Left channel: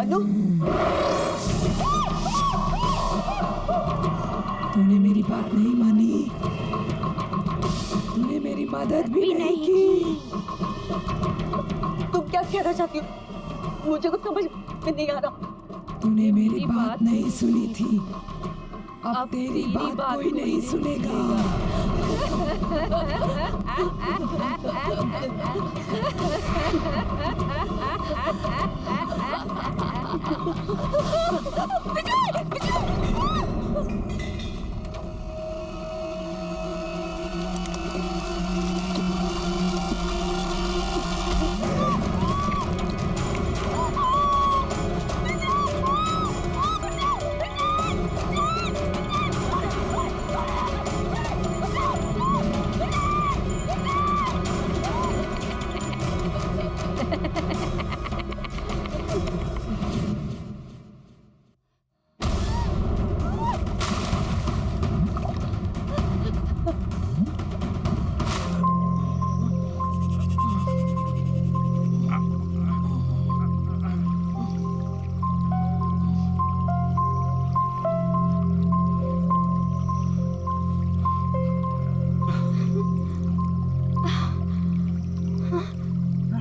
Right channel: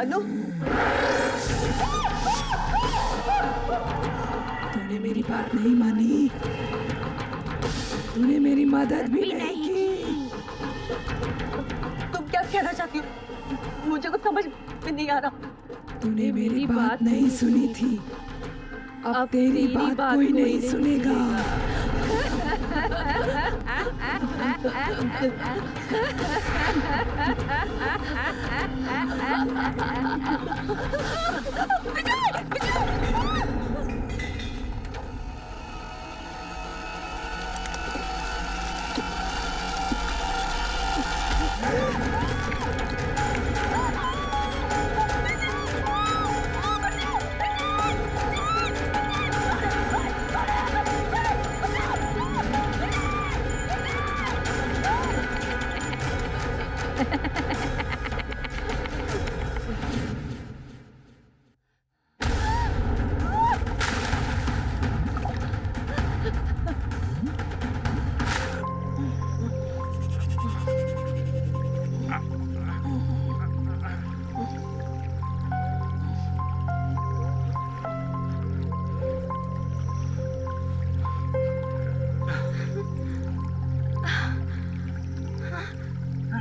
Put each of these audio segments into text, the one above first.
अनु, तूने मेरी बात नहीं मानी, तूने मेरी मदद भी नहीं की। तुम क्या कहना चाहती हो? मुझे कुछ समझ में नहीं आ रहा। तूने मेरी बात नहीं सुनी थी, अब तेरी बात कोई नहीं सुनेगा।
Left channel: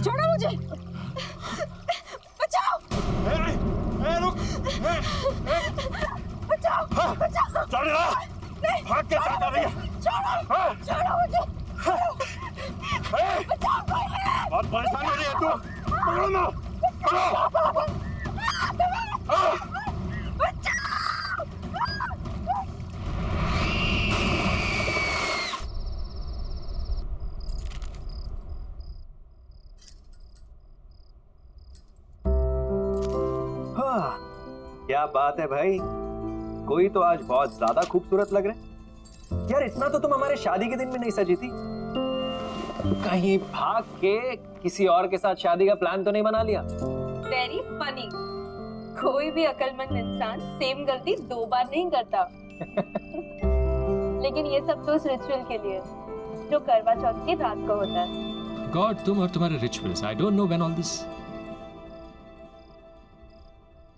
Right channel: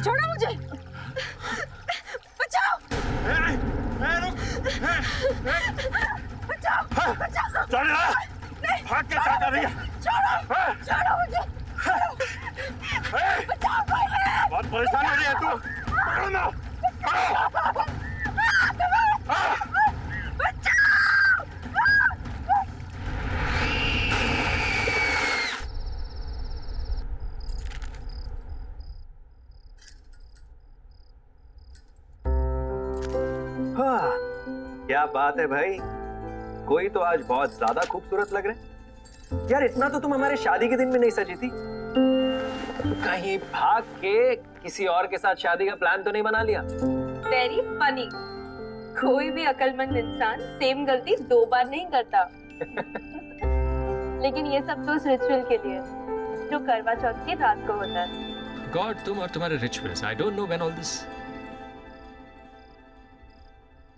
छोड़ो मुझे, बचाओ। रुक, बचाओ, बचाओ। चल रहा, भाग के क्या कर रही है? छोड़ो मुझे, बचाओ कोई है। बहुत परेशान हो रही है तू, पकड़ो ना, पकड़ो। क्या बात है भाई, कोई तो आज बहुत ज्यादा खूबसूरत लग रहे हैं। यार इतना तो तुम हमारे शादी के दिन में नहीं सजी थी। कहीं भाग के किसी और के साथ शादी का प्लान तो नहीं बना लिया? Very funny. कोई भी अक्लमंद इंसान सेम गलती 2 बार नहीं करता। लेकिन ये सब तो उस रिचुअल के लिए जो करवा चौथ की रात को होता है। गॉड, तुम और तुम्हारे rituals, I don't know when all this.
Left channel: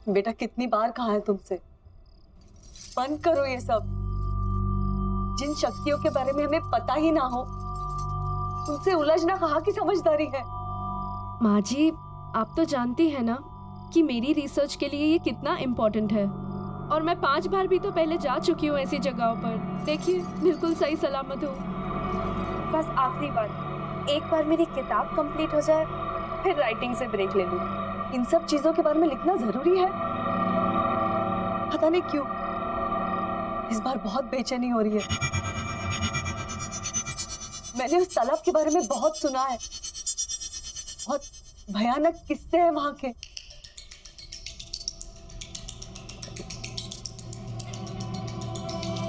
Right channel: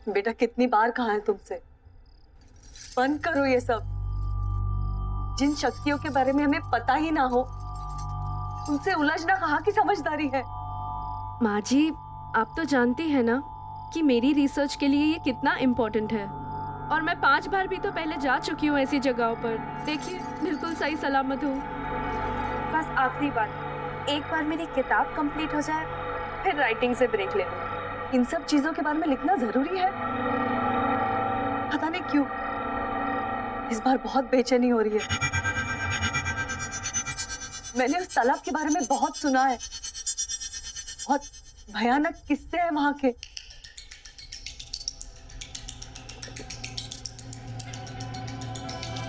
बेटा कितनी बार कहा है तुमसे, बंद करो ये सब। जिन शक्तियों के बारे में हमें पता ही ना हो उनसे उलझना कहाँ की समझदारी है। माँ जी, आप तो जानती हैं ना कि मेरी रिसर्च के लिए ये कितना इम्पोर्टेंट है, और मैं 5 बार भी तो पहले जा चुकी हूँ ऐसी जगहों पर। देखिए, बिल्कुल सही सलामत हूँ। बस आखिरी बार, एक बार मेरी किताब कंप्लीट हो जाए, फिर राइटिंग से ब्रेक ले लूँ। इन सब चीजों के बारे में लिखना जरूरी है? पता नहीं क्यों इस बार बहुत बेचैनी हो रही है। मैंने उस तालाब के बारे में बहुत सुना है, बहुत भयानक किस्से हैं वहां के।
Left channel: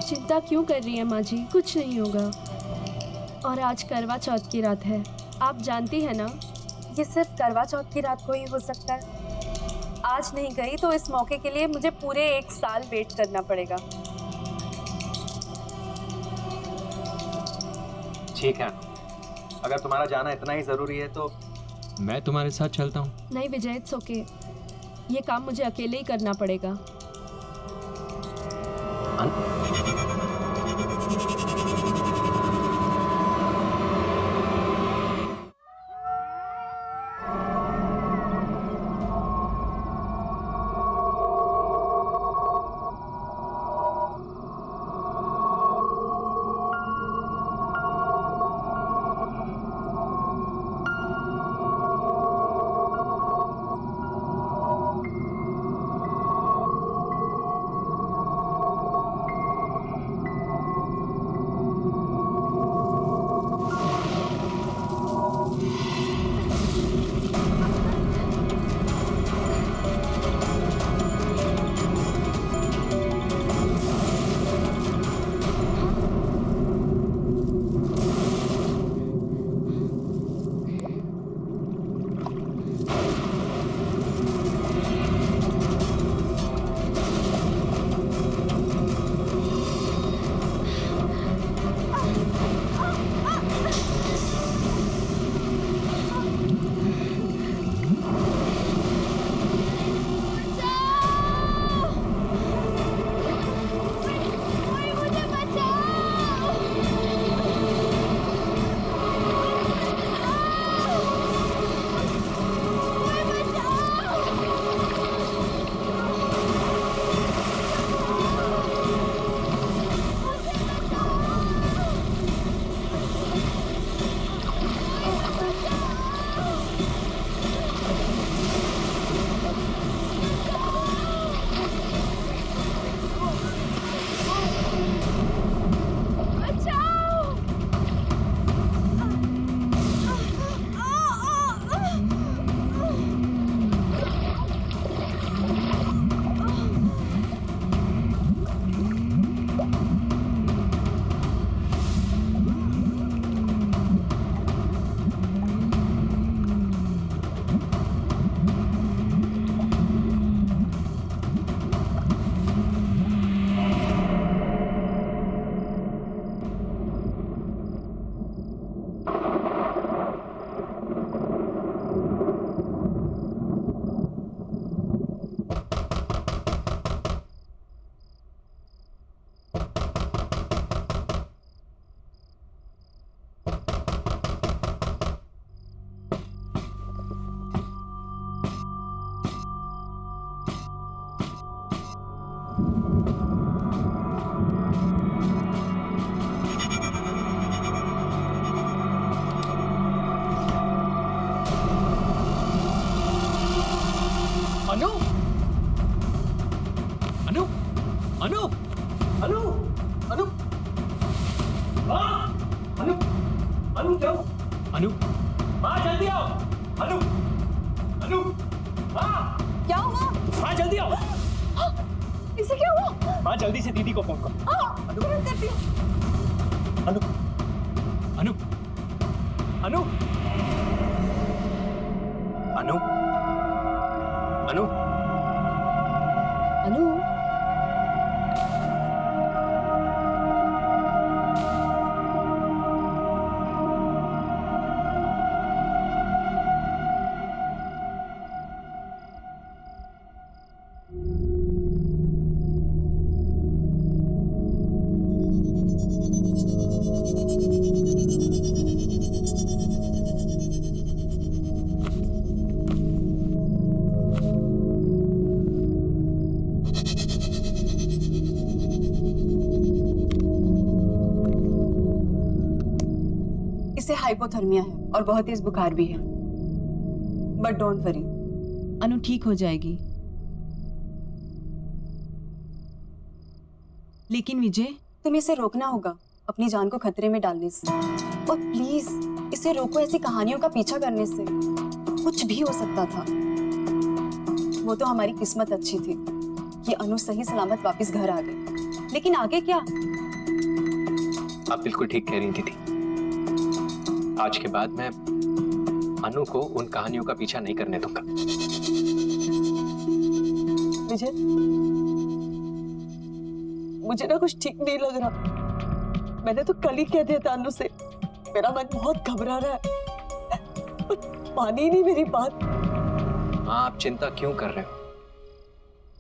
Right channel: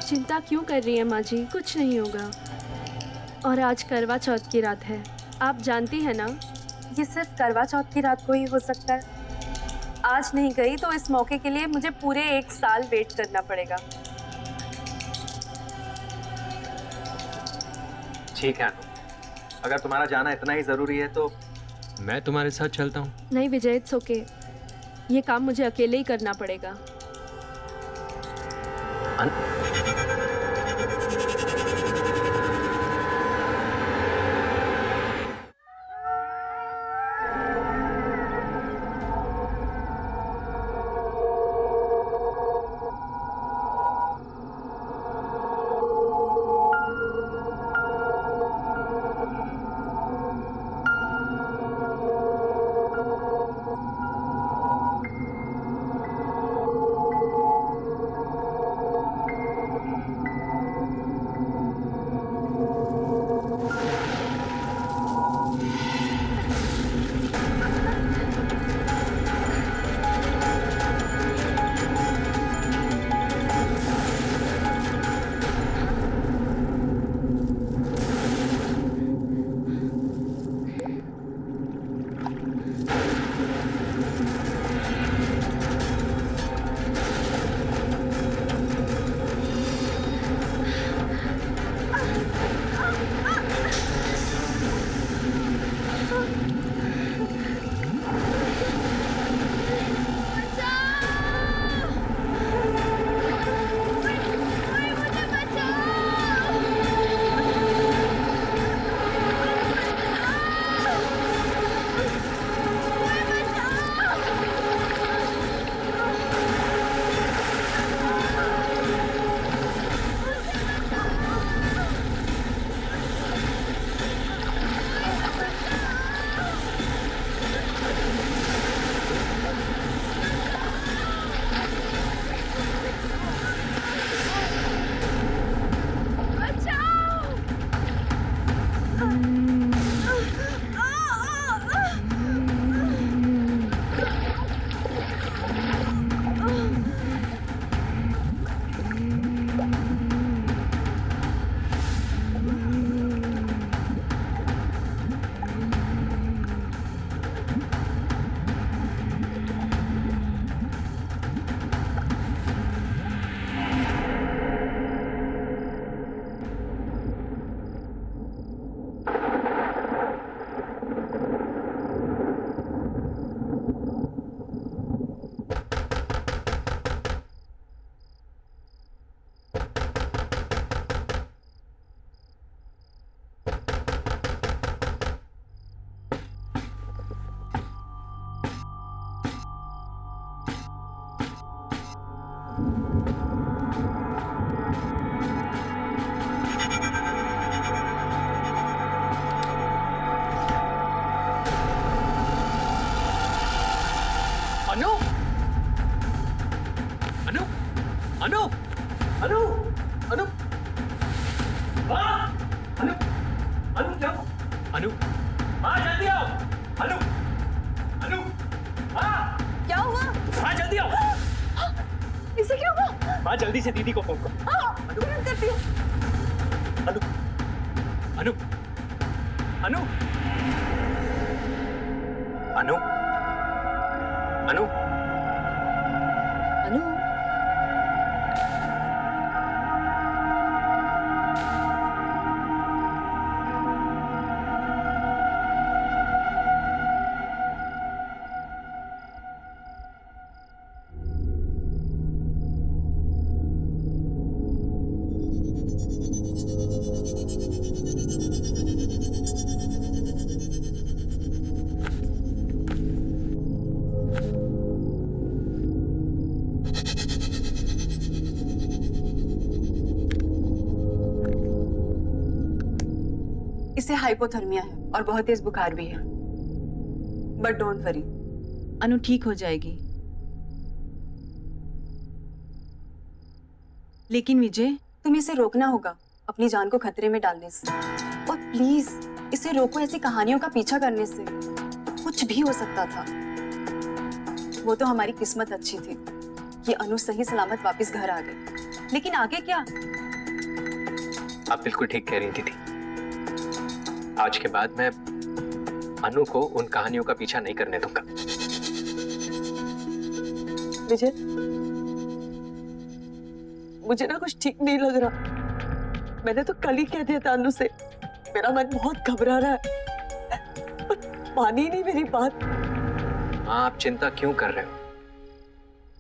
चिंता क्यों कर रही है माँ जी, कुछ नहीं होगा। और आज करवा चौथ की रात है, आप जानती है ना। ये सिर्फ करवा चौथ की रात को ही हो सकता है। आज नहीं गई तो इस मौके के लिए मुझे पूरे 1 साल वेट करना पड़ेगा। ठीक है, अगर तुम्हारा जाना इतना ही जरूरी है तो मैं तुम्हारे साथ चलता हूँ। नहीं विजय, इट्स ओके। ये काम मुझे अकेले ही करना पड़ेगा। अनु, माँ जल्दी आओ। अनु, अनु, माँ, क्या हुआ? माँ जल्दी आओ। इसे क्या हुआ? माँ जल्दी से दीदी को फोन करो। अनु, तुरंत करती हूँ। अनु, अनु, अनु, अनु, अनु, अनु, इसे हाइपोथर्मिया है और बहुत तेज बुखार भी है, बट डोंट वरी, अनु ठीक हो जाएगी। लेकिन विजय, तुम्हें इसे रोकना होगा अपनी जान को खतरे में डालने से, और प्लीज इसे रोको ऐसी कहानियों का पीछा करने से। कुछ भी हो सकता था। वो तो हमारी किस्मत अच्छी थी कि अनु सही सलामत वापस घर आ गई, लेकिन आगे क्या? आप बिल्कुल ठीक कह रही थी। आज के बाद मैं अनु को उन कहानियों का पीछा नहीं करने दूंगा। विजय, मुझे ना कुछ ठीक नहीं लग रहा। मैंने तो कल ही कह दिया था अनु से, मेरा मन बहुत घबरा रहा है, पर मानी ही नहीं मेरी बात। माँ, आप चिंता क्यों कर रहे हो?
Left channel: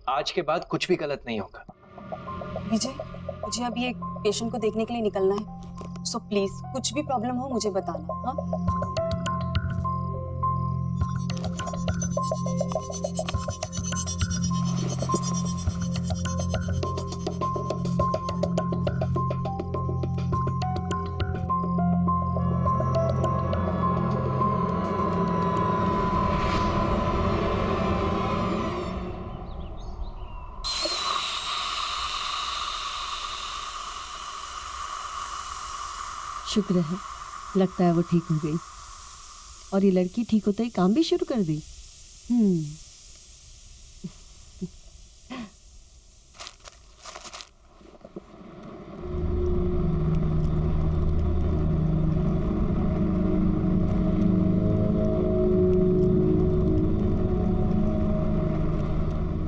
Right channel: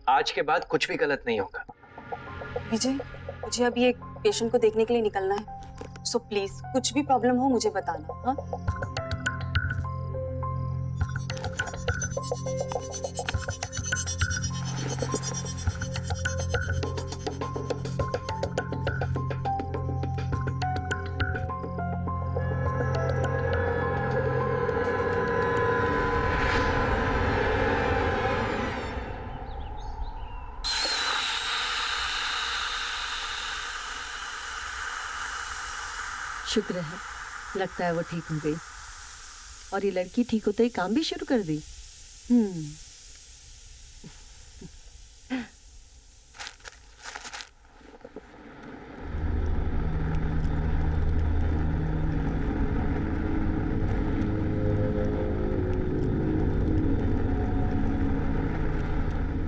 आज के बाद कुछ भी गलत नहीं होगा। विजय, मुझे अभी एक पेशेंट को देखने के लिए निकलना है, सो प्लीज कुछ भी प्रॉब्लम हो मुझे बताना। हाँ, शुक्र है, लगता है वो ठीक हो गई। और ये लड़की ठीक होते ही काम भी शुरू कर दी।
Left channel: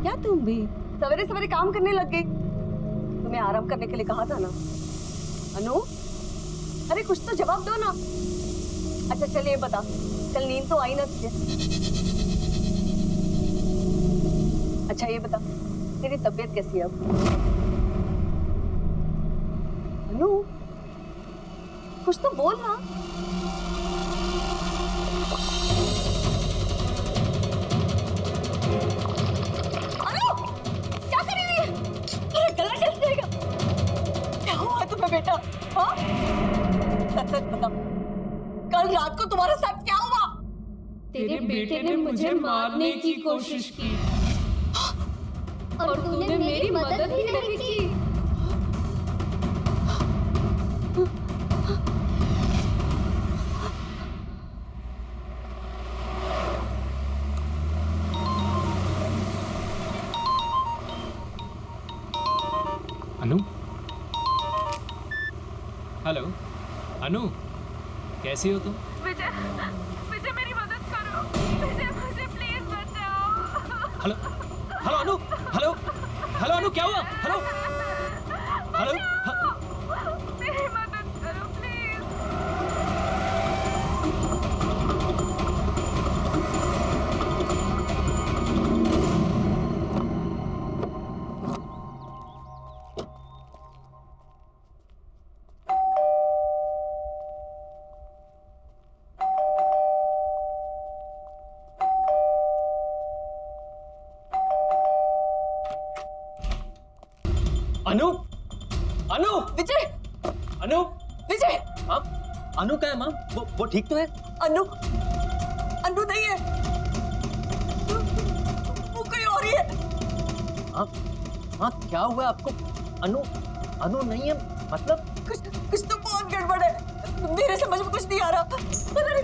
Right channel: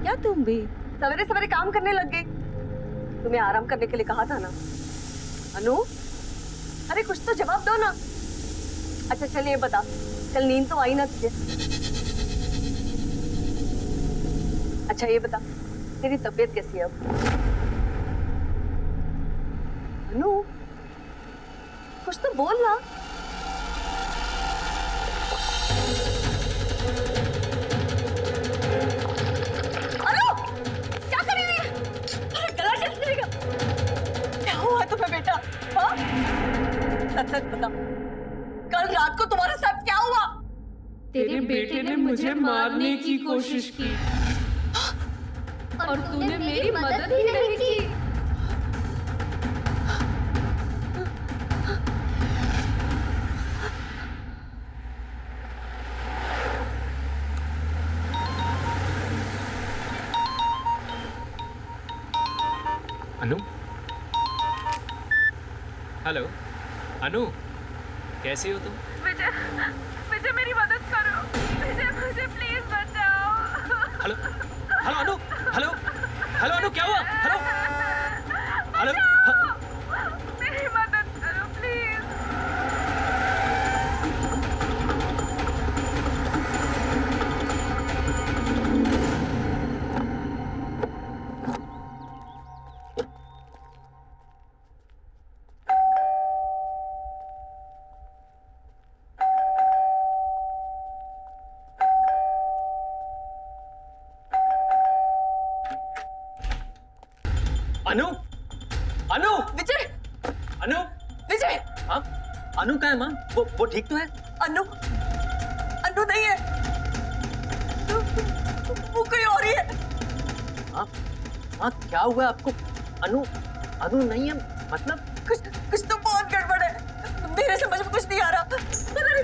क्या तुम भी सवेरे सवेरे काम करने लग गई? तुम्हें आराम करने के लिए कहा था ना। अनु, अरे कुछ तो जवाब दो ना। अच्छा चल ये बता, कल नींद तो आई ना तुझे? अच्छा ये बता, तेरी तबीयत कैसी है अब? अनु, कुछ तो बोल ना। अनु, क्या कर रही है? अरे गला कैसे जाएगा? क्या हुआ तुम्हें बेटा? हाँ? सच सच बता, कल रात को तुम्हारे साथ क्या हुआ? तेरे बेटे ने मुझे मारने की कोशिश की और तूने मेरी मदद ही नहीं की। अनु, हेलो अनु, कैसी हो तुम? विजय, विजय मेरी मदद करो। विजय मुझे प्लीज बचाओ। हेलो हेलो अनु, हेलो हेलो अनु, क्या हुआ? हेलो हेलो मेरी मदद करो प्लीज। अनु, अनु, विजय, अनु, विजय, हाँ, अनु का है माँ? वो ठीक तो है? अनु, अनु नहीं है, वो कोई और ही है। हाँ, हाँ, क्या हुआ आपको? अनु, अनु नहीं है मतलब? कुछ तो बहुत गड़बड़ है, मेरे समझ में कुछ नहीं आ रहा। पता नहीं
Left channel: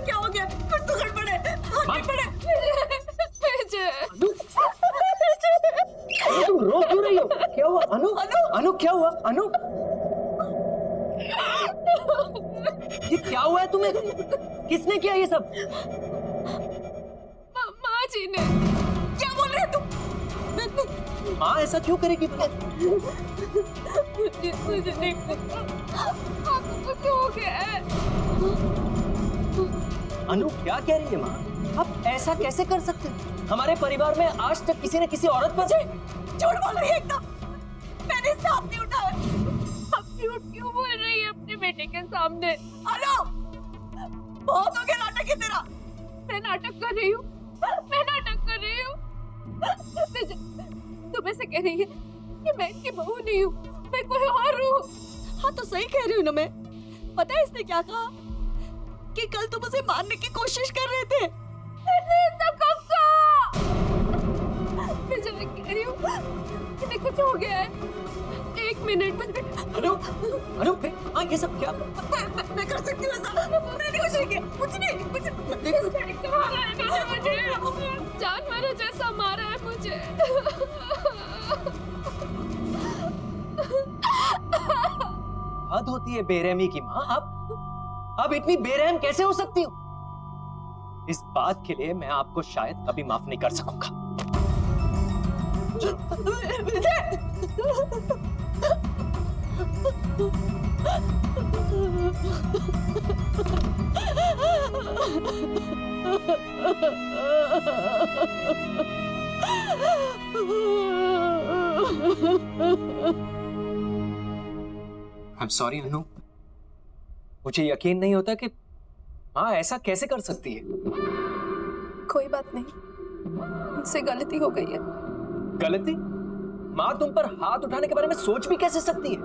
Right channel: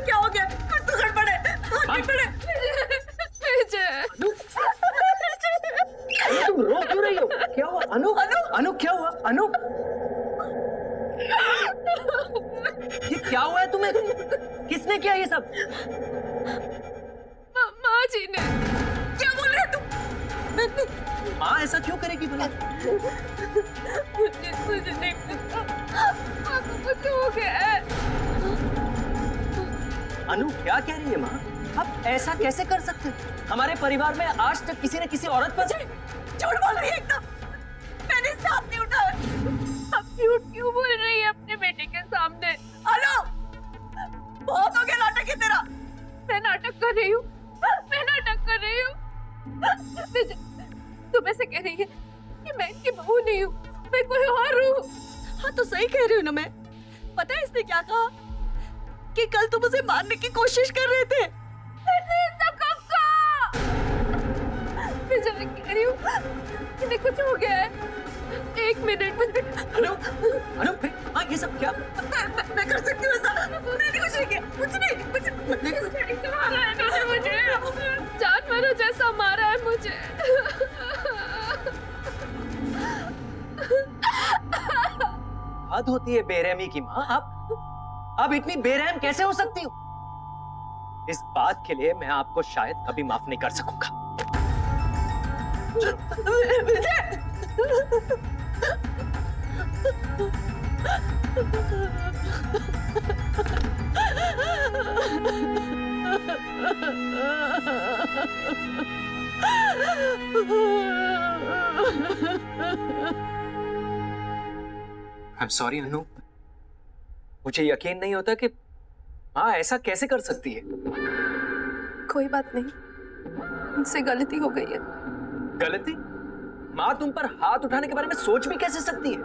अनु, ये क्या हुआ है तुम्हें? किसने किया ये सब? माँ जी ने। क्या बोल रहे हैं तुम? माँ ऐसा क्यों करेगी भला? मुझे नहीं पता, आपको कुछ हो गया है। अनु क्या कह रही है माँ? आप ऐसा कैसे कर सकते हो? हमारे परिवार में आज तक किसी ने किसी औरत पर झूठ बोल रही है एकदम। मैंने इससे हाथ नहीं उठाया। आप झूठ क्यों बोल रही है अपने बेटे के सामने? अनु, बहुत हो गया नाटक है तेरा। मैं नाटक कर रही हूँ, मैं नाटक कर रही हूँ। तुम ऐसे कह रही है कि मैं इनकी बहू नहीं हूँ, मैं कोई और हूँ। हाँ तो सही कह रही हूँ ना मैं। पता है इसने क्या कहा? कि कल तुम उसे मारने की कोशिश कर रहे थे। मैं जब कह रही हूँ इन्हें कुछ हो गया है। एक मिनट। अनु, अनु हाँ ये सब क्या? मैं कर सकती हूँ ऐसा। मैंने कुछ नहीं किया, कुछ नहीं। मारा है इन्होंने मुझे, जानवरों जैसा मारा है मुझे। हद होती है बेरहमी की माँ। आप इतनी बेरहम कैसे हो सकती हो? इस बात के लिए मैं आपको शायद कभी माफ नहीं कर सकूंगा। I'm sorry अनु, मुझे यकीन नहीं होता कि माँ ऐसा कैसे कर सकती है। कोई बात नहीं, मुझसे गलती हो गई है। गलती? माँ तुम पर हाथ उठाने के बारे में सोच भी कैसे सकती है?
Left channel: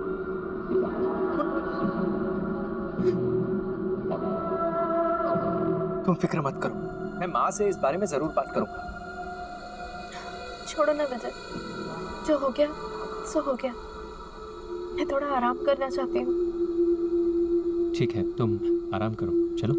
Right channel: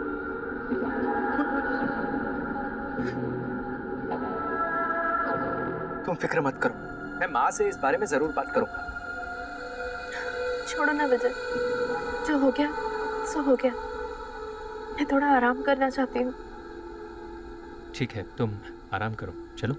तुम फिक्र मत करो, मैं माँ से इस बारे में जरूर बात करूंगा। छोड़ो ना विजय, जो हो गया सो हो गया। मैं थोड़ा आराम करना चाहती हूँ। ठीक है, तुम आराम करो, चलो।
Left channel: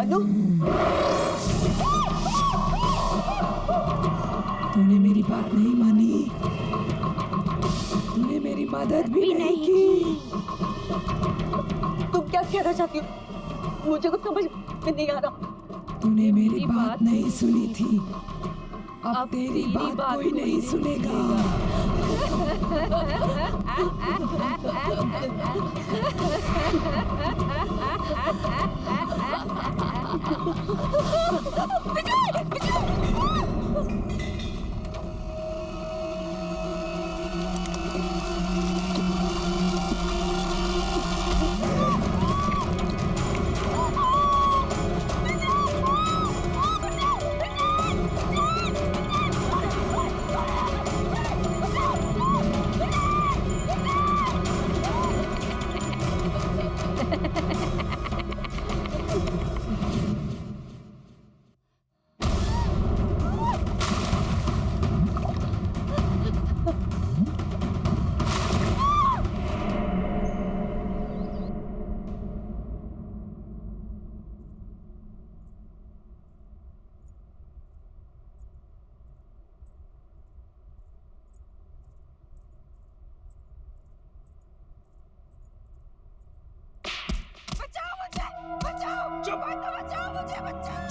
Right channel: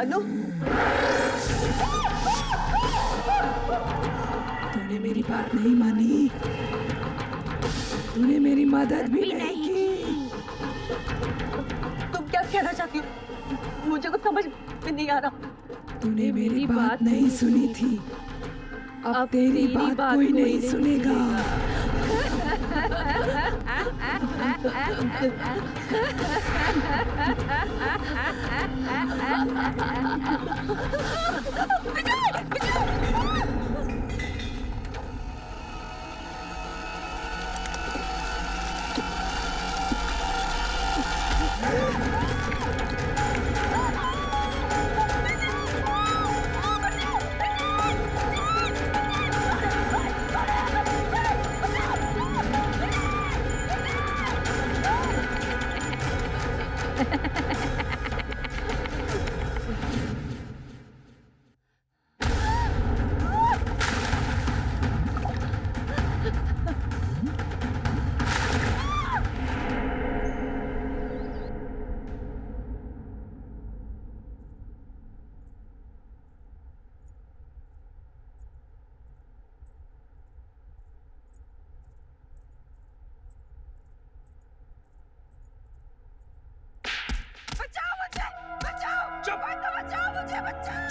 अनु तूने मेरी बात नहीं मानी, तूने मेरी मदद भी नहीं की। तुम क्या कहना चाहती हो? मुझे कुछ समझ में नहीं आ रहा। तूने मेरी बात नहीं सुनी थी, अब तेरी बात कोई नहीं सुनेगा।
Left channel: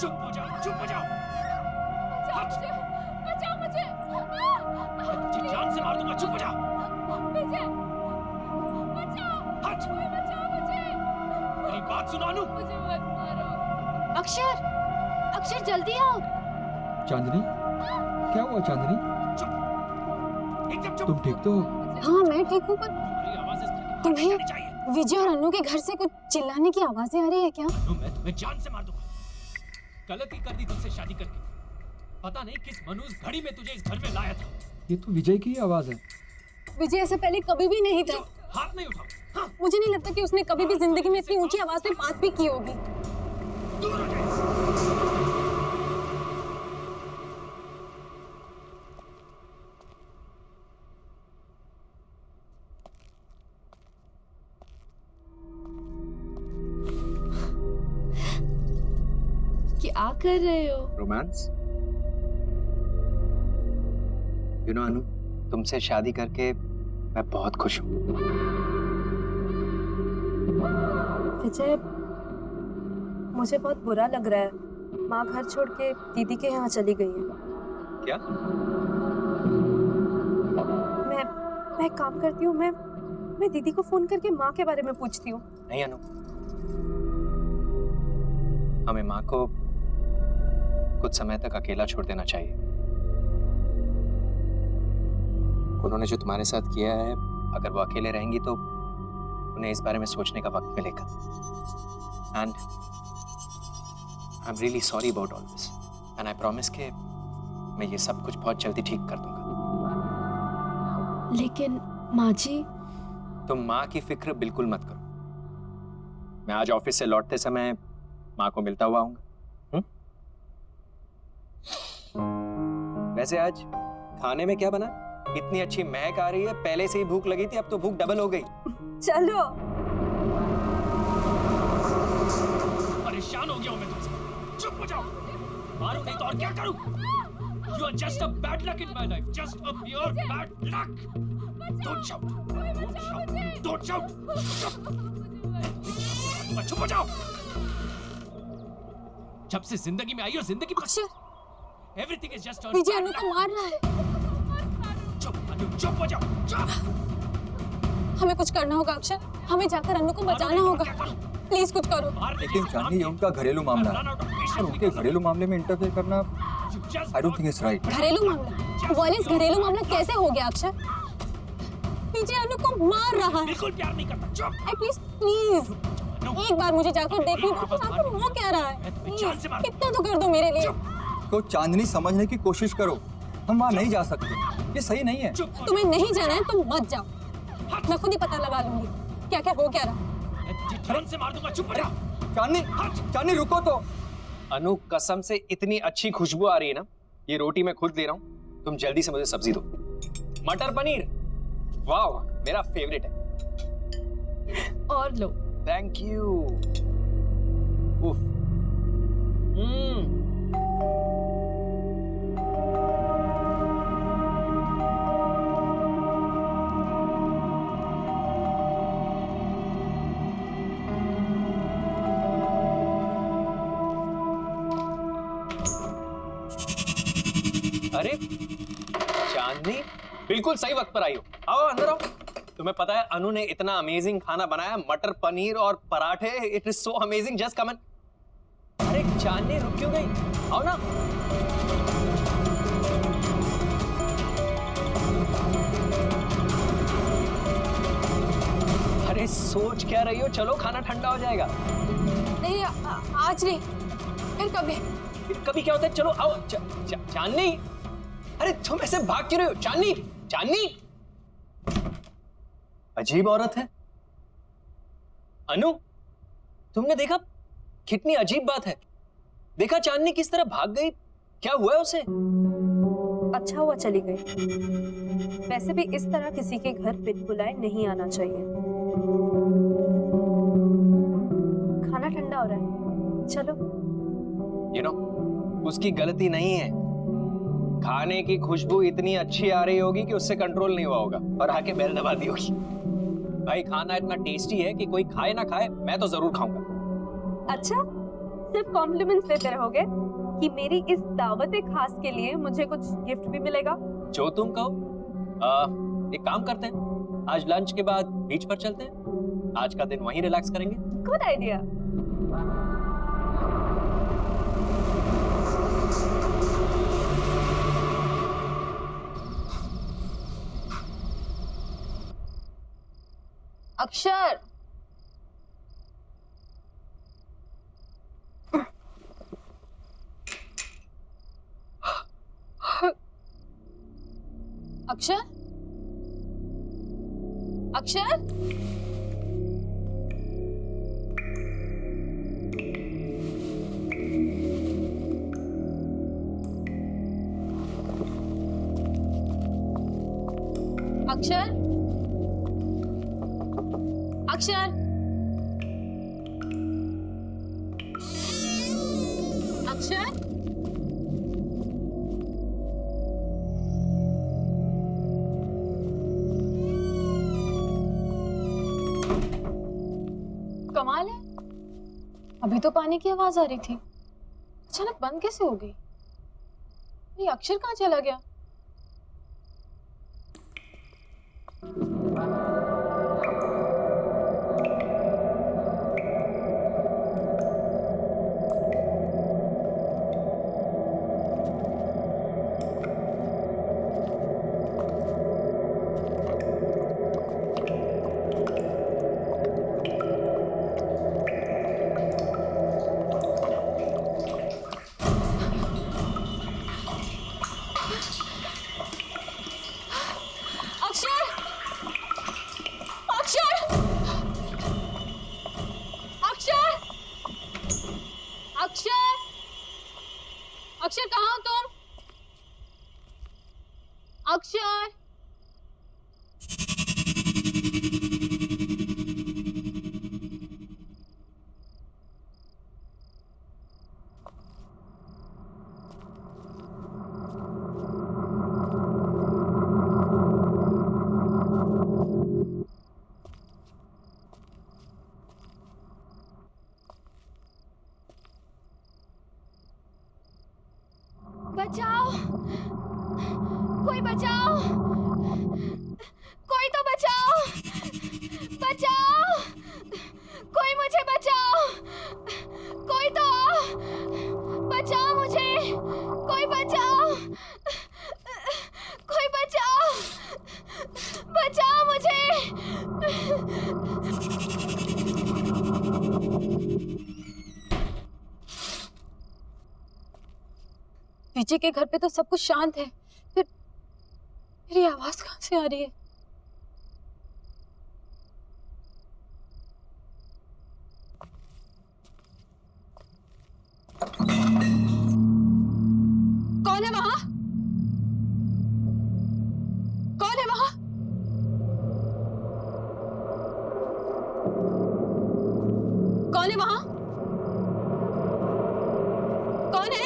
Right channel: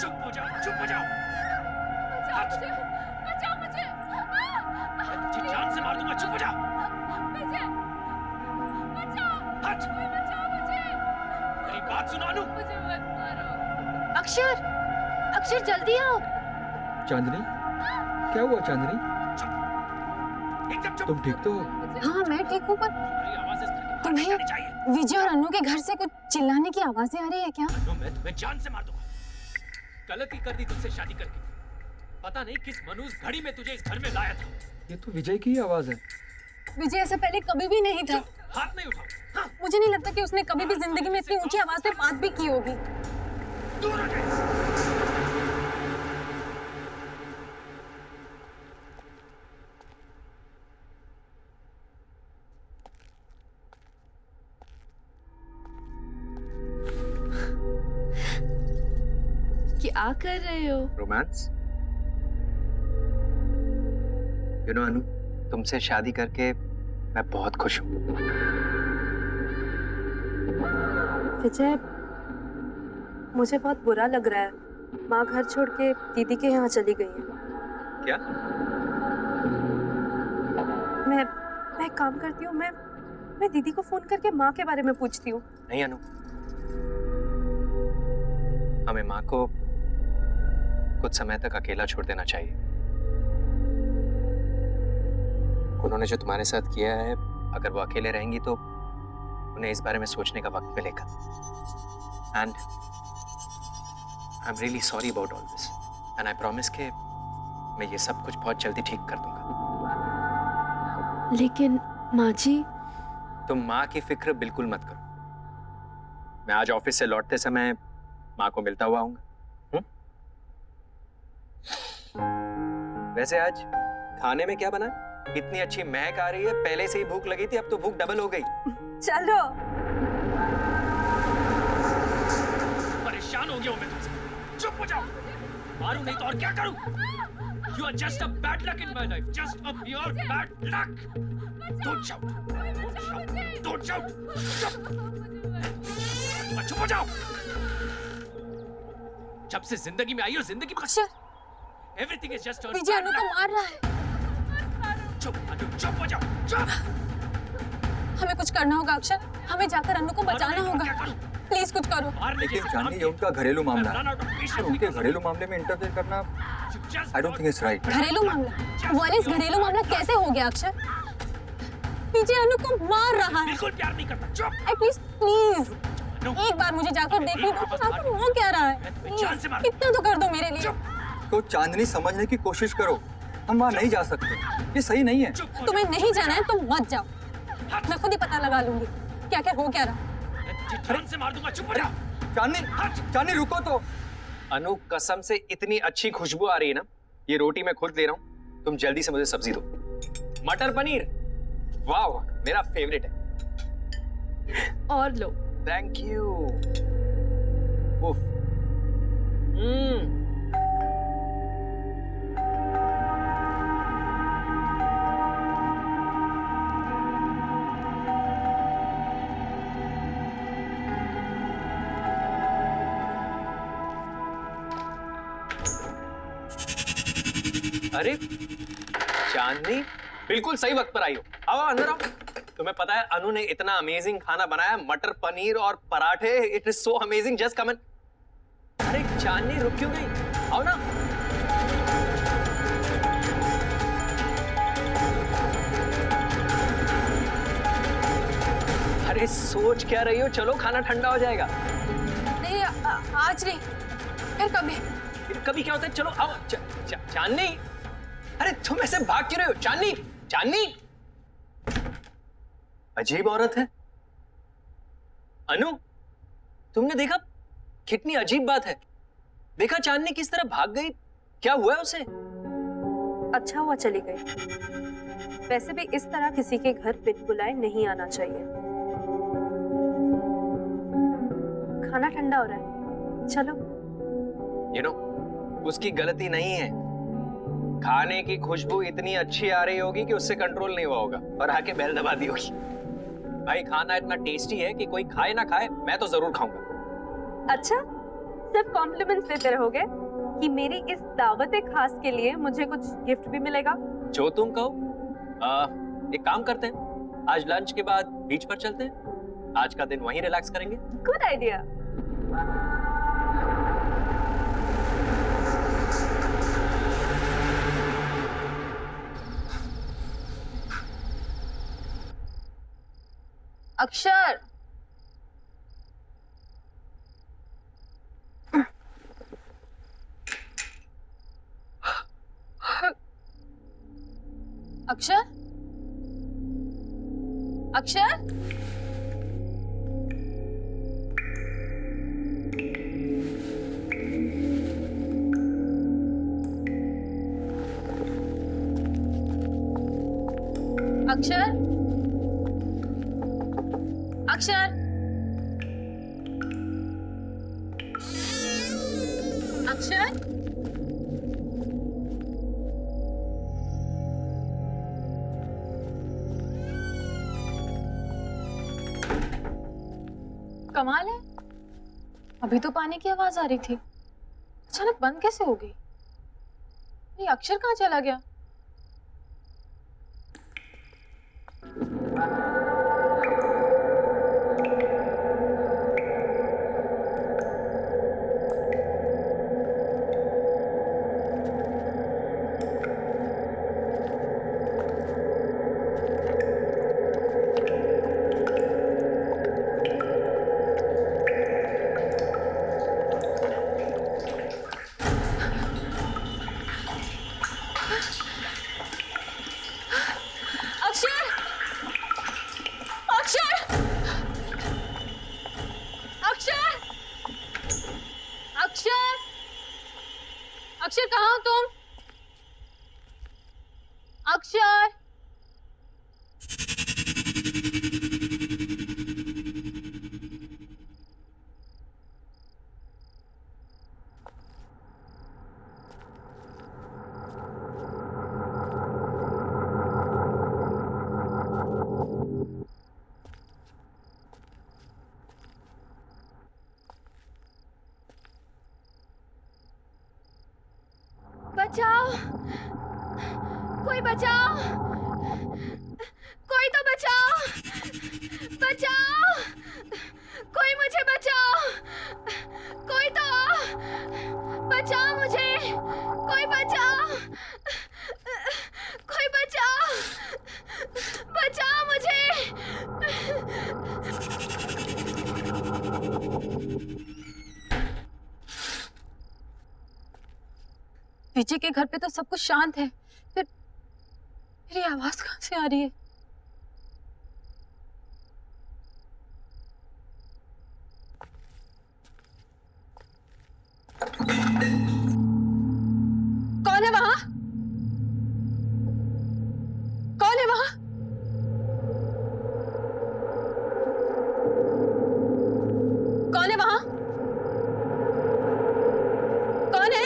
चुप चुप हो जाओ, चुप हो जाओ। मैं तुझे जान से मार दूंगा, चुप हो जाओ। हट। मेरी बात सुनो अनु। अक्षर, अक्षर जल्दी आओ। चांदनी, क्या हुआ चांदनी? एकदम चुप। तुम ठीक तो हो? हाँ मैं ठीक हूँ, पर तुम्हारी आवाज़ इस तरह की बाहर तुम्हें- नहीं जानी चाहिए। विजय और अन्नू के घर से कुछ चिल्लाने की आवाजें आ रही है क्या? अनु, मैं तुम्हें जान से मार दूंगा। गलती कर दी तुझसे शादी करके। पता नहीं किस मनूस घड़ी में तुझे इस घर में लाया था। ये तो विजय की ही आवाज है। विजय ऐसा पहले कभी भी नहीं था। हाथ नहीं उठाओ। हाँ, मुझे नहीं लगता कि उसने कभी भी जिंदगी में इतनी ऊंची आवाज में बात भी की होगी। दूर हो जाए। क्या कर रहे हो? रोमांस? यू नो अनु, तुमसे शादी करके मैं बहुत खुश हूँ। विजय, मुझे बहुत बुरा लग रहा है। माँ घर छोड़ के दीदी के यहाँ चली गई है। क्या? मैं एक काम करती हूँ, मैं दीदी को फोन करके माँ के बारे में पूछती हूँ। नहीं अनु, हमें माँ को कुछ समय तक अकेला छोड़ देना चाहिए। उन्होंने जो तुम्हारे साथ किया है, अगर वो अकेले रहेंगी तो उन्हें इस बारे में सोचने का वक्त मिलेगा। And I am really sorry about all this, and I promise कि मैं ये सब कुछ बहुत जल्दी ठीक कर दूंगा। लेकिन माँ जी, तुम माँ की फिक्र बिल्कुल मत करो। मैं आज ऑफिस से लौटते समय माँ को मिलता हुआ आऊंगा। वैसे आज खाने में क्या बना? इतनी अच्छी महक आ रही है, पहले से ही भूख लगी थी, अब तो भूख डबल हो गई। चलो। परेशान हो गया हूं मैं तुमसे। चुप हो जाओ। मारूं नहीं तो और क्या करूं? You are just a bad luck in my life. Just a pure bad luck. Don't shout. Don't shout. Don't shout. चुप। चुप हो जाओ। जब से जिंदगी में आई हो, जिंदगी अक्षर, everything is just a Vijay bad अनु को luck. मार रहा है। चुप अनु, चुप हो जाओ। चुप। हमें कुछ करना होगा अक्षर, हमें जाकर अन्नू को बचाना होगा। प्लीज कुछ करो। लेकिन चांदनी, ये उनका घरेलू मामला है और उनके घरेलू मामले में इंटरफेयर करना I don't think it's right. घरेलू मामला? वालिस, घरेलू मामला कैसे हो गया अक्षर? विजय अनु को मार रहा है। बिल्कुल प्यार नहीं करता। चुप। एटलीस्ट प्लीज एक बार मुझे जाकर देखने दो कि आखिर वो क्या रहा है। जान से मार। इतना तो कर दो मेरे लिए। तो चांदनी, समझने की कोशिश करो, हम वहाँ नहीं जा सकते, ये सही नहीं है। तुम्हें नहीं जाना है, तुम मत जाओ। मैं खुद ही पता लगा लूंगी क्या क्या हो क्या रहा। जान से मार दूंगा। चुप हो जाओ। चांदनी, चांदनी रुको तो। अनु, कसम से इतनी अच्छी खुशबू आ रही है ना, ये रोटी मैं खुद ले रहा हूँ, तुम जल्दी से मुझे सब्जी दो। मटर पनीर, वाह, मेरा फेवरेट है। और लो। Thank you. उफ, अरे चांदनी, बिल्कुल सही वक्त पर आई हो। आओ अंदर आओ। तुम्हें पता है अनु ने इतना अमेजिंग खाना बनाया, मटर पनीर और पराठे। It is so amazing, just come in. अरे चांदनी रुक क्यों गई? आओ ना। अरे सोच क्या रही हो? चलो खाना ठंडा हो जाएगा। नहीं आज नहीं, फिर कभी। फिर कभी क्या होता है? चलो आओ। चांदनी, अरे तुम ऐसे भाग क्यों रहे हो? चांदनी, चांदनी, अजीब औरत है। अनु, तुमने देखा? कितनी अजीब बात है। देखा चांदनी किस तरह भाग गई? क्या हुआ है उसे? अच्छा हुआ चली गई। वैसे भी इस तरह किसी के घर बिन बुलाए नहीं आना चाहिए। खाना ठंडा हो रहा है, चलो। You know, उसकी गलती नहीं है। खाने की खुशबू इतनी अच्छी आ रही होगी कि उससे कंट्रोल नहीं हुआ होगा और आके बेल दबा दी होगी। भाई खाना इतना टेस्टी है कि कोई खाए ना खाए, मैं तो जरूर खाऊंगा। अच्छा, सिर्फ कॉम्प्लीमेंट्स देते रहोगे कि मेरी इस दावत खास के लिए मुझे कुछ गिफ्ट भी मिलेगा? जो तुम कहो। एक काम करते हैं, आज लंच के बाद बीच पर चलते हैं। आज का दिन वहीं रिलैक्स करेंगे। Good idea. अक्षर, अक्षर, अक्षर, अक्षर, अक्षर, अक्षर, कमाल है, अभी तो पानी की आवाज आ रही थी, अचानक बंद कैसे हो गई? ये अक्षर कहाँ चला गया? अक्षर कहाँ हो तुम? अक्षर, बचाओ, कोई बचाओ, कोई तो बचाओ, बचाओ, कोई मुझे बचाओ, कोई तो बचाओ मुझे, कोई बचाओ, कोई बचाओ, बचाओ मुझे। विजय के घर पे तो सब कुछ शांत है, फिर ये आवाज कहाँ से आ रही है? कौन है वहां? कौन है वहां? कौन है वहां? कौन है?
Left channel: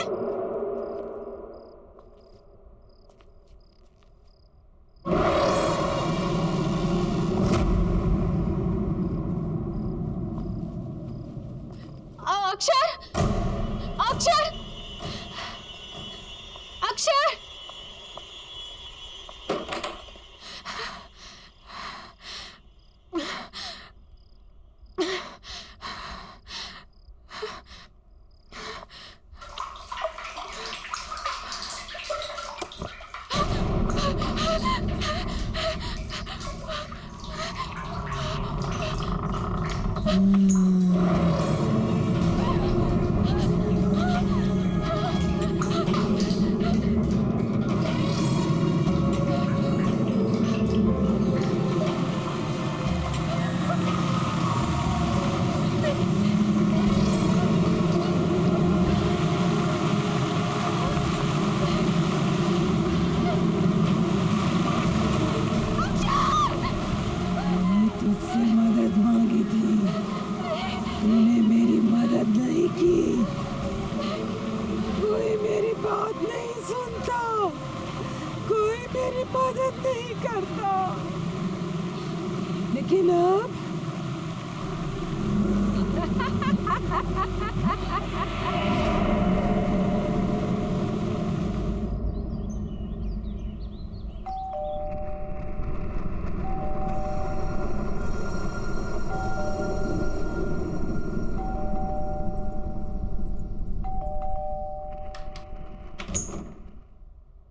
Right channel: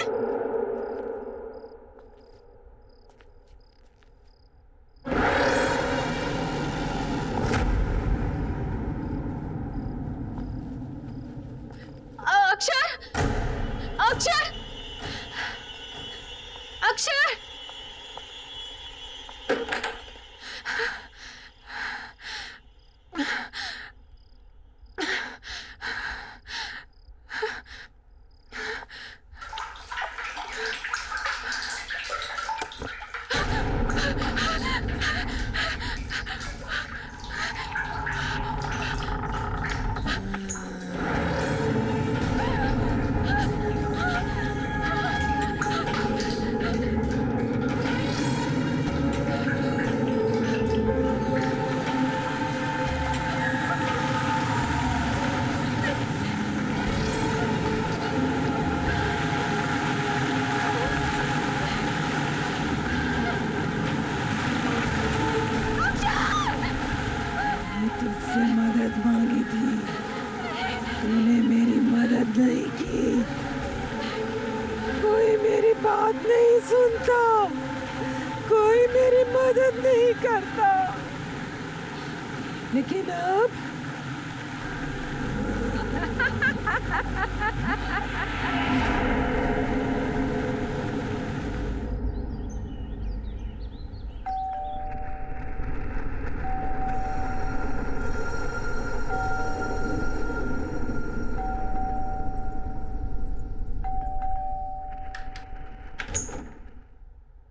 सुनता, कोई मेरी मदद नहीं करता। लेकिन अब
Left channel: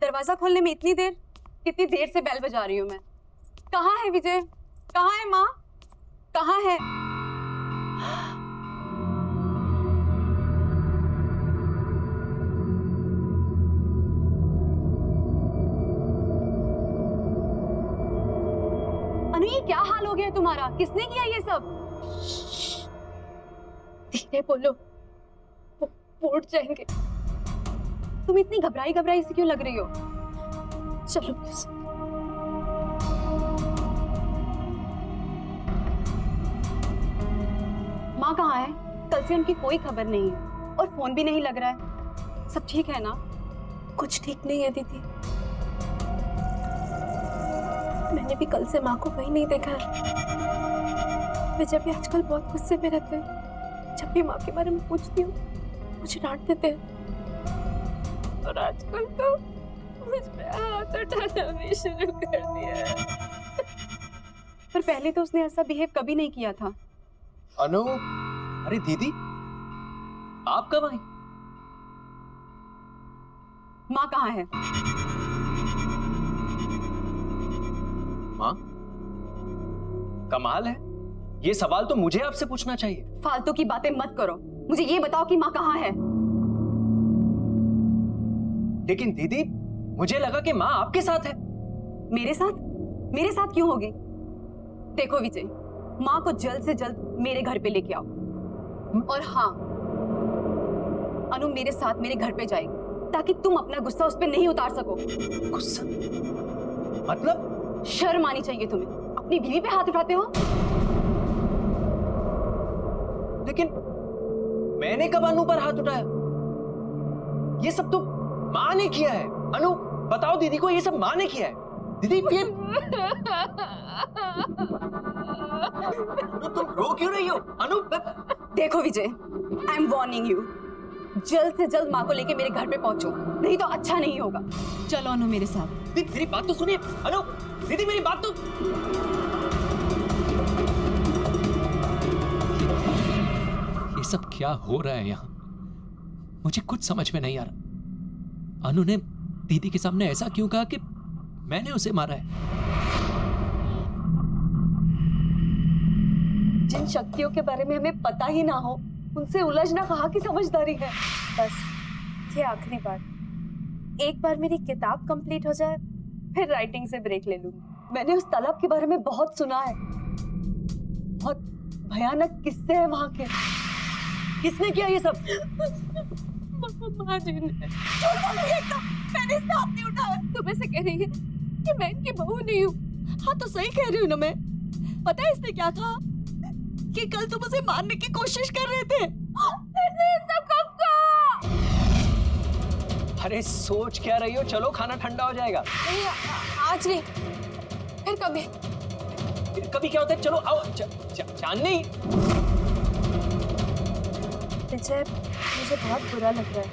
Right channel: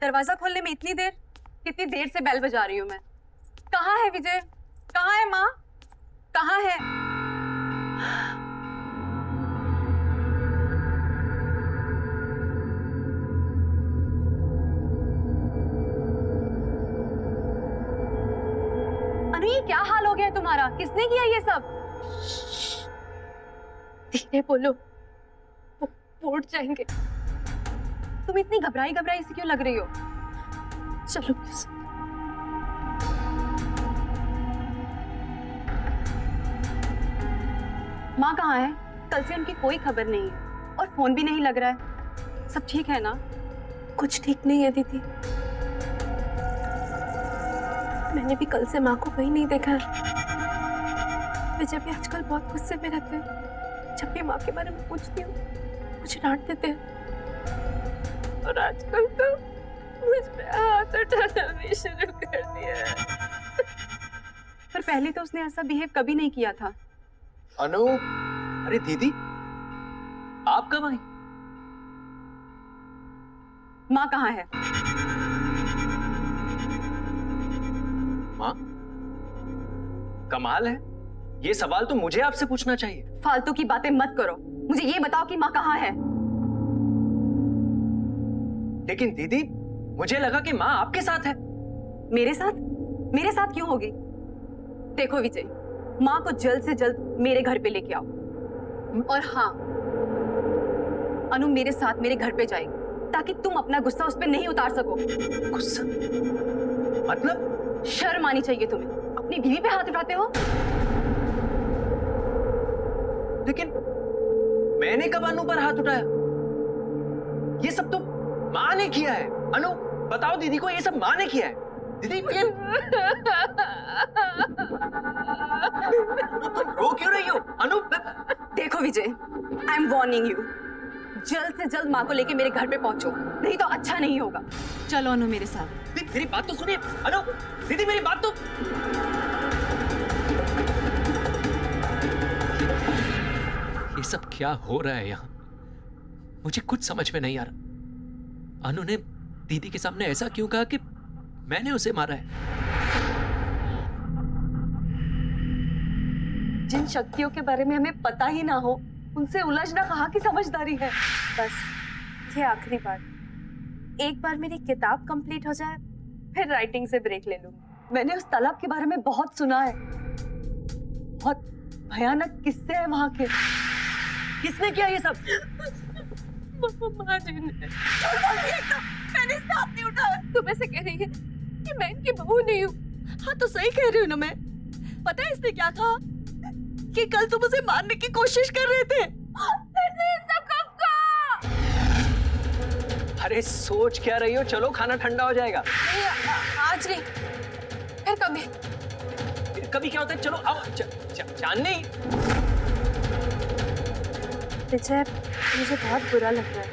दरवाजा खोलने में इतनी देर? कितनी देर से बेल बजा रही हूँ मैं। कहाँ है विजय? कहाँ है माँ? कहाँ है? अनु, ये क्या हाल हो गया है तुम्हारा? किसने किया ये सब? धीरे बोलो, वो उठ जाएंगे। तुम इतनी घबराई घबराई से क्यों लग रही हो? चलो प्लीज। माँ कहाँ है? कल से उनकी कोई खबर नहीं है और फोन भी नहीं लग रहा है। सब ठीक है ना? कुछ ठीक नहीं है दीदी। मैंने भी कल से माँ को कहीं नहीं देखा है। विजय भी आजकल बहुत गुस्से में रहते हैं। जब भी माँ के बारे में पूछती हूँ मुझे डांट देते हैं, और आजकल तो मुझ पे हाथ उठाना भी शुरू कर दिया है। पर पहले तो उसने ऐसा बिहेव कभी नहीं किया था। अनु, अरे दीदी, आप कब आई? माँ कहाँ है? माँ? कमाल है, ये सवाल तो मुझे आपसे पूछना चाहिए। फालतू की बातें मत करो। मुझे ये बताओ कि माँ कहाँ है? लेकिन दीदी, मुझे लगा कि माँ आपके साथ है। मेरे साथ? मेरे साथ क्यों होगी? देखो विजय, माँ को जल्द से जल्द मेरे घर पे लेके आओ। और हाँ, अनु मेरे साथ मेरे घर पे जाएगी ताकि तुम अपना गुस्सा उस पे नहीं उतार सको। गुस्सा? मतलब? शर्म आनी चाहिए तुम्हें। अपनी बीवी पे हाथ उठाते हो। लेकिन मैंने कब अनु पर हाथ उठाया? ये सब तो माँ ने किया है। अनु, बताओ दीदी को, ये सब माँ ने किया है। दीदी ये तुम रो क्यों रही हो? अनु, देखो विजय, आई एम वार्निंग यू, जल्द से जल्द माँ को लेके मेरे घर पे पहुंचो, नहीं तो अच्छा नहीं होगा। चलो अनु मेरे साथ। दीदी मेरी बात तो सुनिए। अनु, दीदी मेरी बात तो। ये सब क्या हो रहा है यहाँ? मुझे कुछ समझ में नहीं आ रहा। अनु ने दीदी के सामने ऐसा क्यों कहा कि मैंने उसे मारा है? जिन शक्तियों के बारे में हमें पता ही ना हो, उनसे उलझना कहाँ की समझदारी है। बस ये आखिरी बार, एक बार मेरी किताब कंप्लीट हो जाए फिर राइटिंग से ब्रेक ले लूंगी। मैंने उस तालाब के बारे में बहुत सुना है। बहुत भयानक किस्से हैं वहां के। किसने किया ये सब? माँ जी ने। मैंने इसका हाथ नहीं उठाया। तुम ऐसे कह रही है कि मैं इनकी बहू नहीं हूँ? हाँ तो सही कह रही हूँ ना मैं। पता है इसने क्या कहा? कि कल तुम उसे मारने की कोशिश कर रहे थे। सब कब का? अरे सोच क्या रही हो? चलो खाना ठंडा हो जाएगा। नहीं, आज नहीं, फिर कभी। कभी क्या होता है? चलो आओ। चांदनी, विजय, मुझे बहुत बुरा लग रहा है।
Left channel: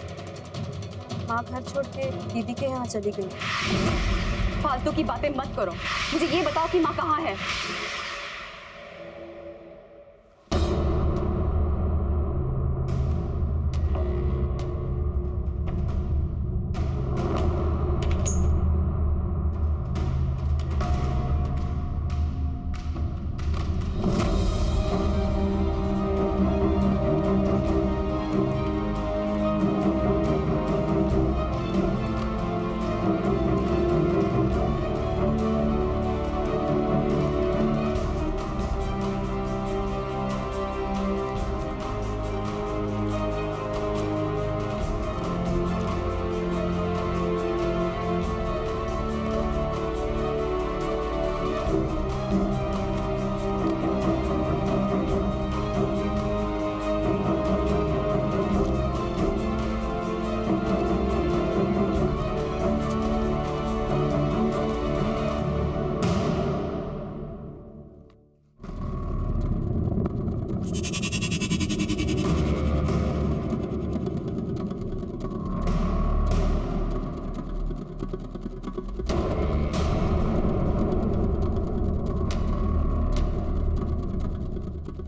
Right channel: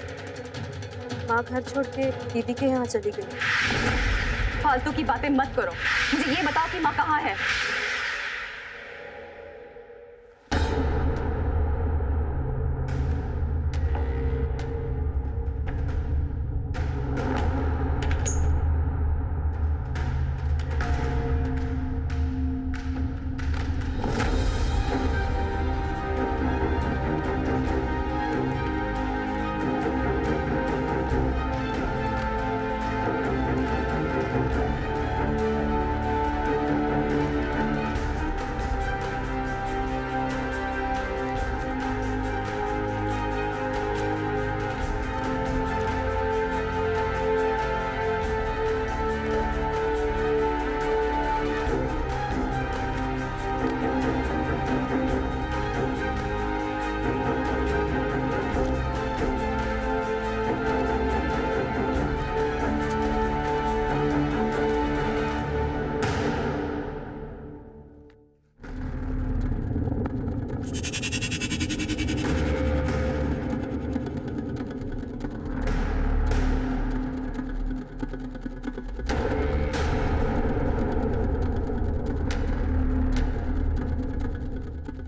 माँ घर छोड़ के दीदी के यहाँ चली गई। फालतू की बातें मत करो। मुझे ये बताओ कि माँ कहाँ है?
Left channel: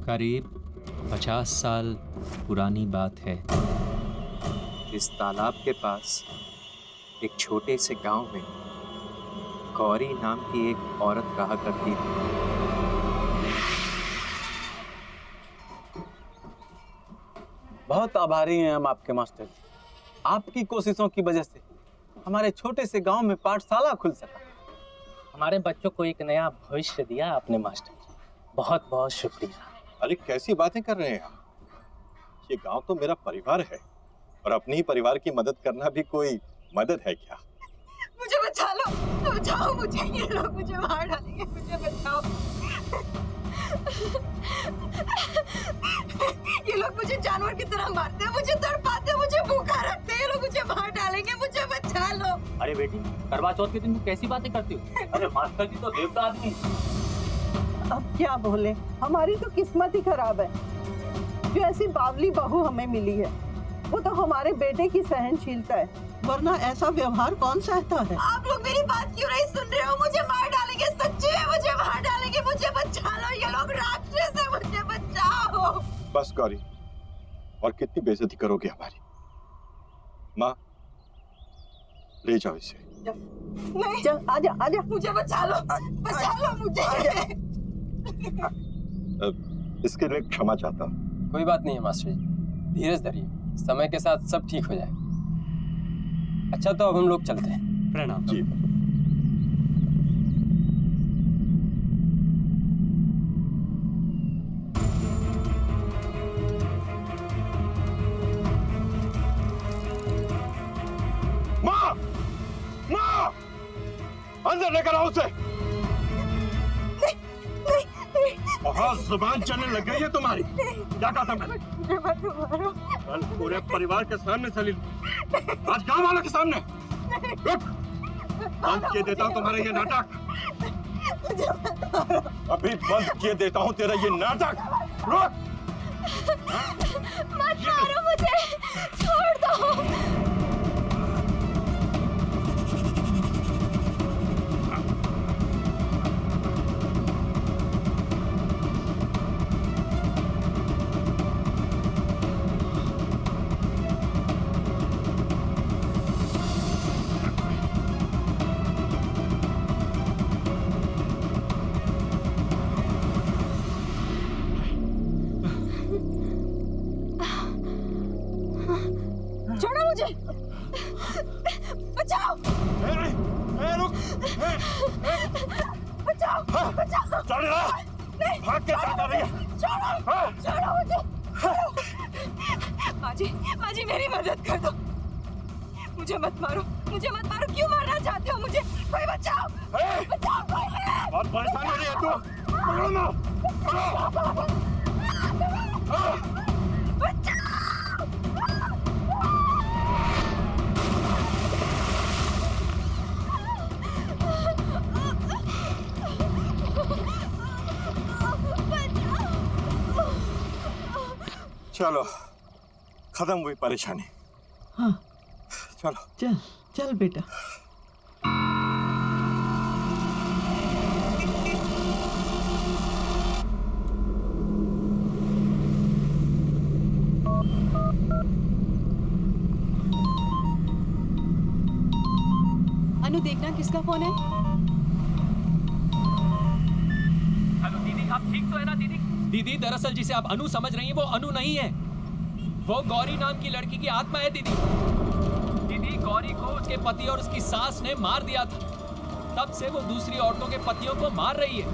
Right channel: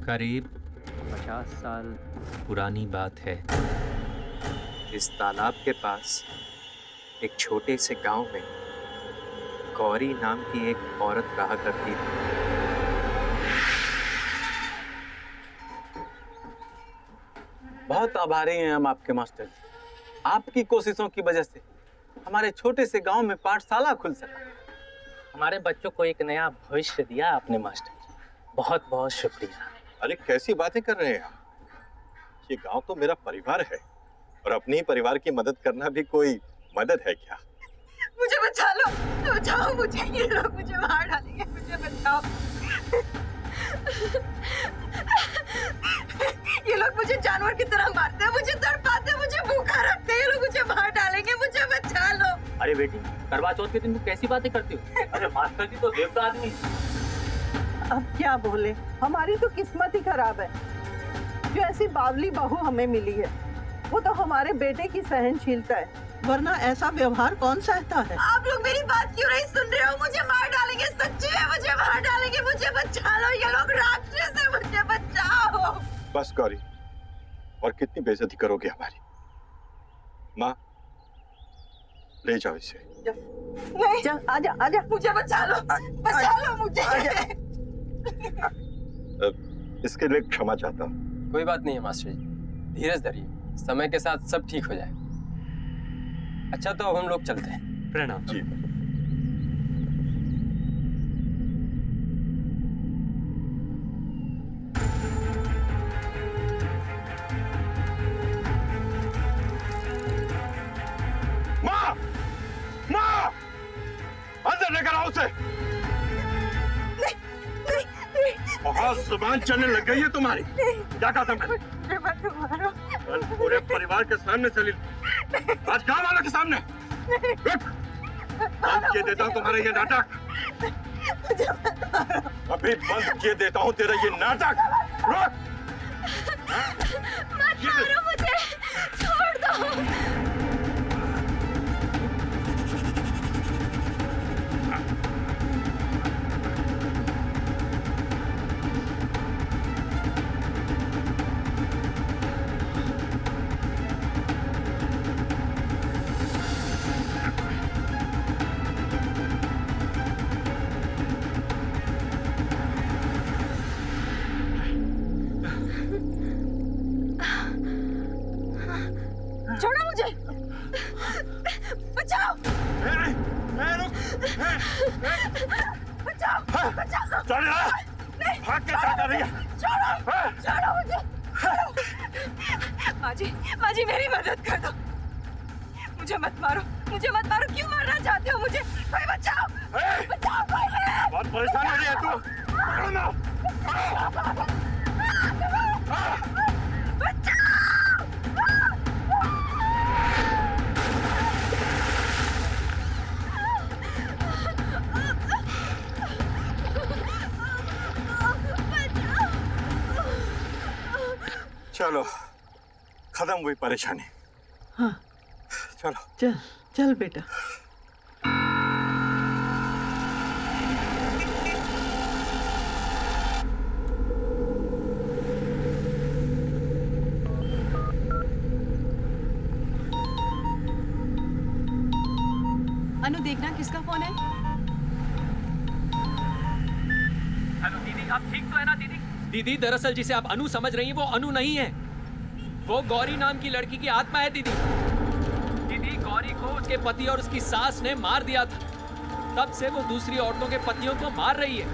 करीब 50 साल पुरानी बात है। इस तालाब के पास एक छोटे से गांव में गौरी नाम की एक औरत रहा करती थी। बहुत आभारी हैं हम आपके मास्टर जी। आपकी कोशिशों की वजह से हमारे छोटे से गांव में पाठशाला खुल सका। हमारे बच्चों को एक नया भविष्य दिया आपने मास्टर जी, बहुत बहुत शुक्रिया। अरे कैसी बातें कर रहे हैं आप? ये गांव तो मेरा परिवार है और अपने ही परिवार की मदद करना भी कोई मदद है क्या? मुझे बचा लो, बचाओ मुझे, ये लोग मुझे मार डालेंगे, मुझे बचाओ। ये लोग मुझे जानवर की तरह मारते हैं, मुझे तड़पाते हैं, मुझे भूखा रखते हैं, ये लोग मुझे मार डालेंगे, मुझे बचा लो। अरे बेटी, करवा चौथ के दिन तुम कैसी बातें करती हो? अरे मास्टर जी तो देवता आदमी। अब क्या बोले, हमारी तो किस्मत ही खराब है जो ऐसी बावली बहू हमें मिली है। वो तो हमारे बेटे की सहनशीलता है, वरना ऐसा व्यवहार कौन सहता है। आप लोग मेरी बात क्यों नहीं सुन रहे हो? मुझे मार डालेंगे, सच्ची है, मुझे मार डालेंगे, मुझे बचा लो, ये लोग राक्षस है, मुझे बचाओ। बस गौरी, और कितनी बेइज्जती करोगे हमारी? माँ, ले जाओ इसे। नहीं, चल आजा आजा, मुझे बचा लो मुझे। इसके लिए क्षमा चाहता हूँ। कोई बात नहीं है मास्टर जी, धीरज धरिए, समय के साथ सब ठीक हो जाएगा। अच्छा तो अब हम लोग चलते हैं। प्रणाम जी। माँ, माँ, अंदर लेकर आओ उसे। बहुत जुबान चलने लग गई है तुम्हारी। क्या कहा था मैंने? कल पूरे परिवार के सामने चली, आज गांव वालों के सामने। रुक, बंद किए देता हूँ तुम्हारा ये नाटक। अभी बंद किए देता हूँ तेरा ये नाटक। रुक, मत मारो मुझे, छोड़ दो। छोड़ो मुझे, बचाओ। रुक, बचाओ, बचाओ। चल रहा, भाग के जाता रही है। छोड़ो मुझे। माँ जी मेरी मदद कर दो, मुझे मत मारो, मुझे मत मारो। क्यों मारना चाहते हो मुझे? कोई बचाओ, बचाओ कोई। बहुत परेशान हो रही है तू। पकड़ो ना, पकड़ो। चलो, खत्म हुई परेशानी। हाँ, चलो चल चल बेटा। अनु, देखना किसका फोन है। हेलो दीदी, आप ठीक तो है ना दीदी? दीदी दरअसल जिसे आप अनु समझ रही हैं वो अनु नहीं है, वो गौरी नाम की लड़की की आत्मा है दीदी। दीदी गौरी को उसके पति और उसकी सास ने मार दिया था, तब से वो दूसरी औरतों के पतियों को मार रही है।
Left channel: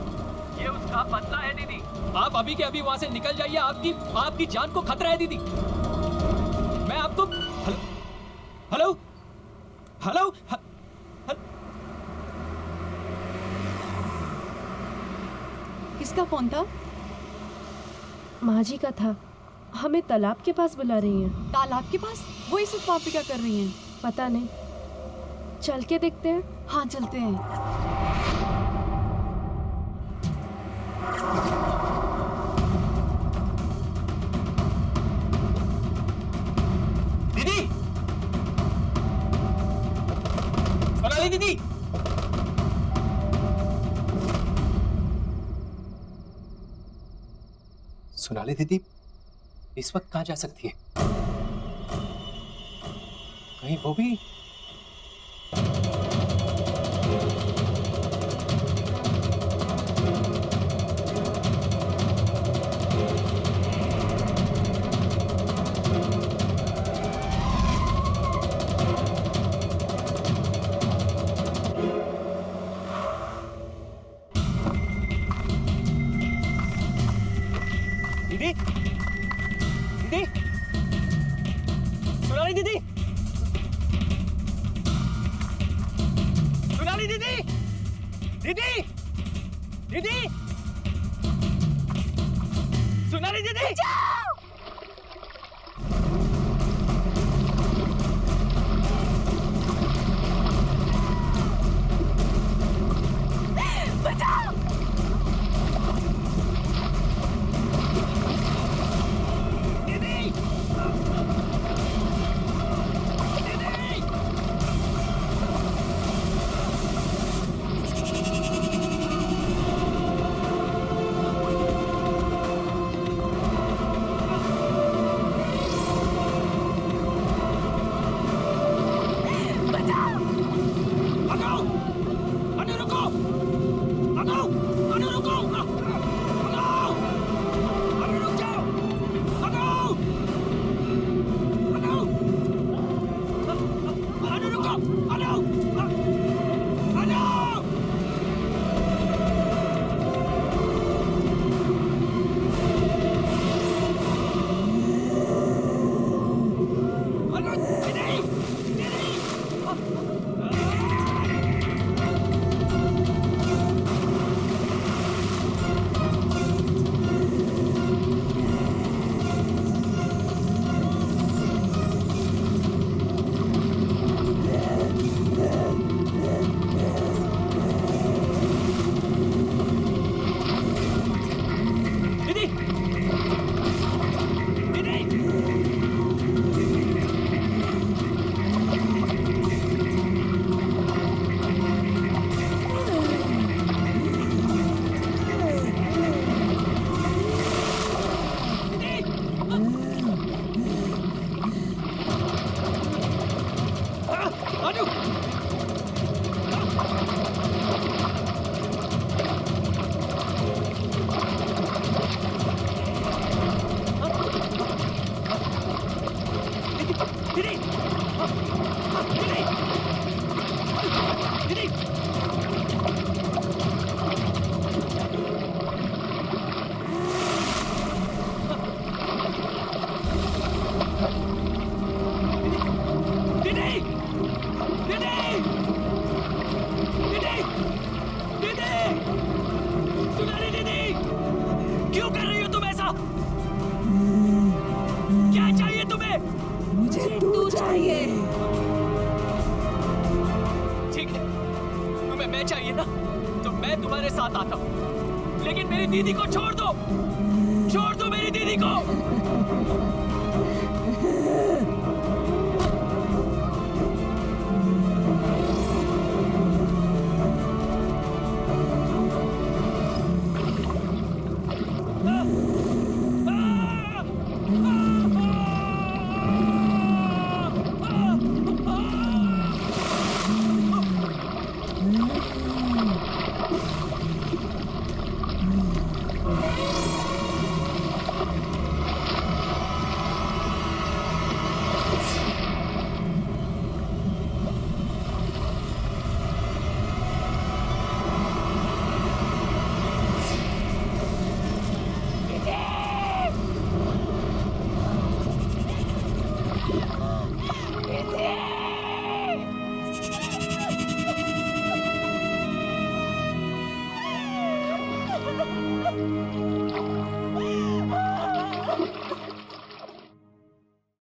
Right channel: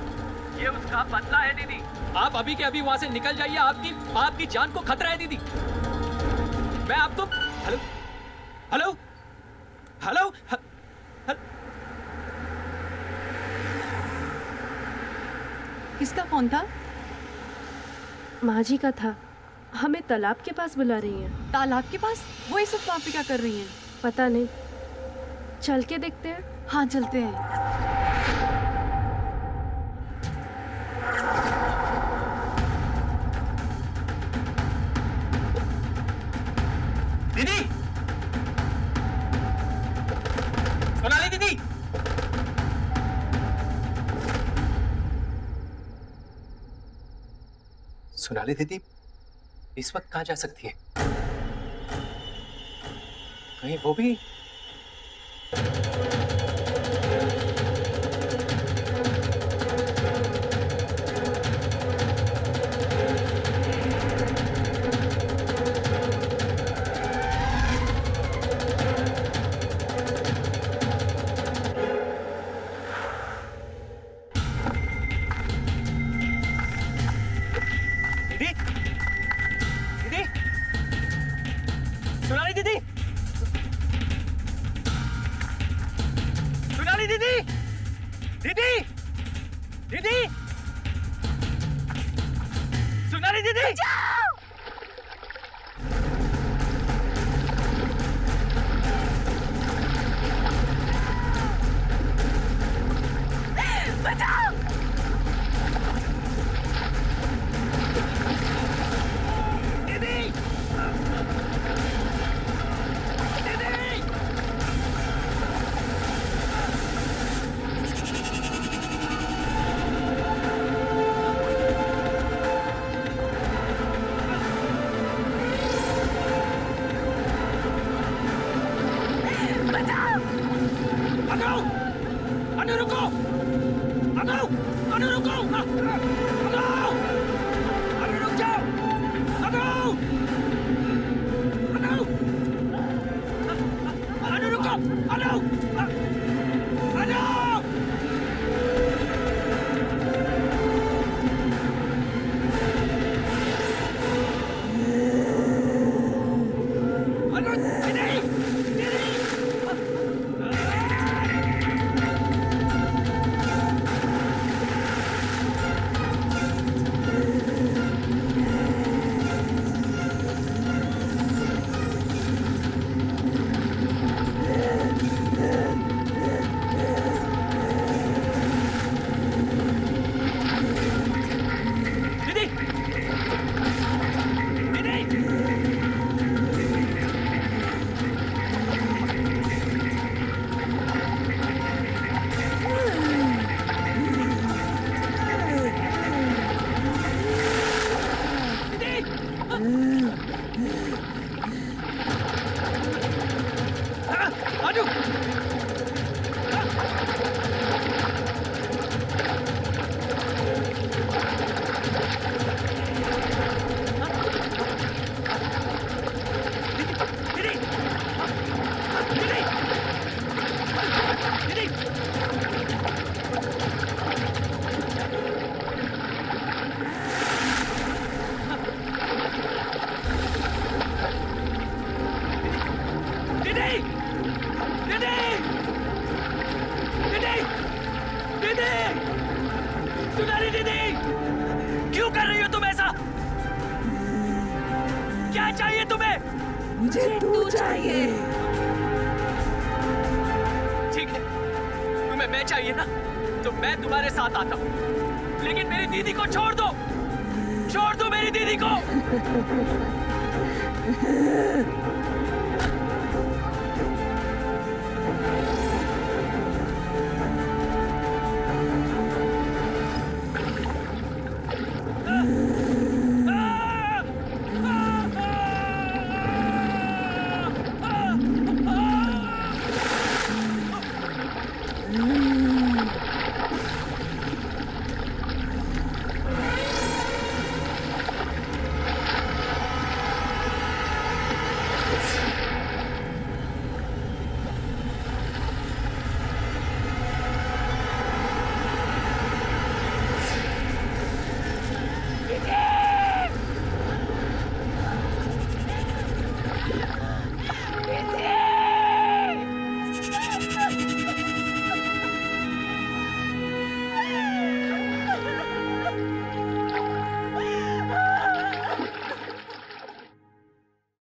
ये उसका बदला है दीदी। आप अभी के अभी वहां से निकल जाइए, आपकी जान को खतरा है दीदी। मैं आपको हेलो हेलो हेलो किसका फोन था? माँ जी का था, हमें तालाब के पास बुला रही हैं। तालाब के पास? वो इस वक्त वहाँ पे क्या कर रही हैं? पता नहीं, चल के देखते हैं। हाँ चलते हैं। दीदी, सोनाली दीदी, सोनाली दीदी इस वक्त कहाँ जा सकती है? कहीं वो भी? दीदी, दीदी, सोनाली दीदी, सोनाली दीदी, दीदी, दीदी, सोनाली दीदी, बचाओ! क्यों कर रही हो तुम ऐसा? क्या चाहिए तुम्हें? मुझे तू चाहिए। ठीक है, तुम्हें मैं चाहिए ना, तो मैं तुम्हारे साथ आता हूँ, लेकिन मेरी दीदी को छोड़ दो, छोड़ दो मेरी दीदी को।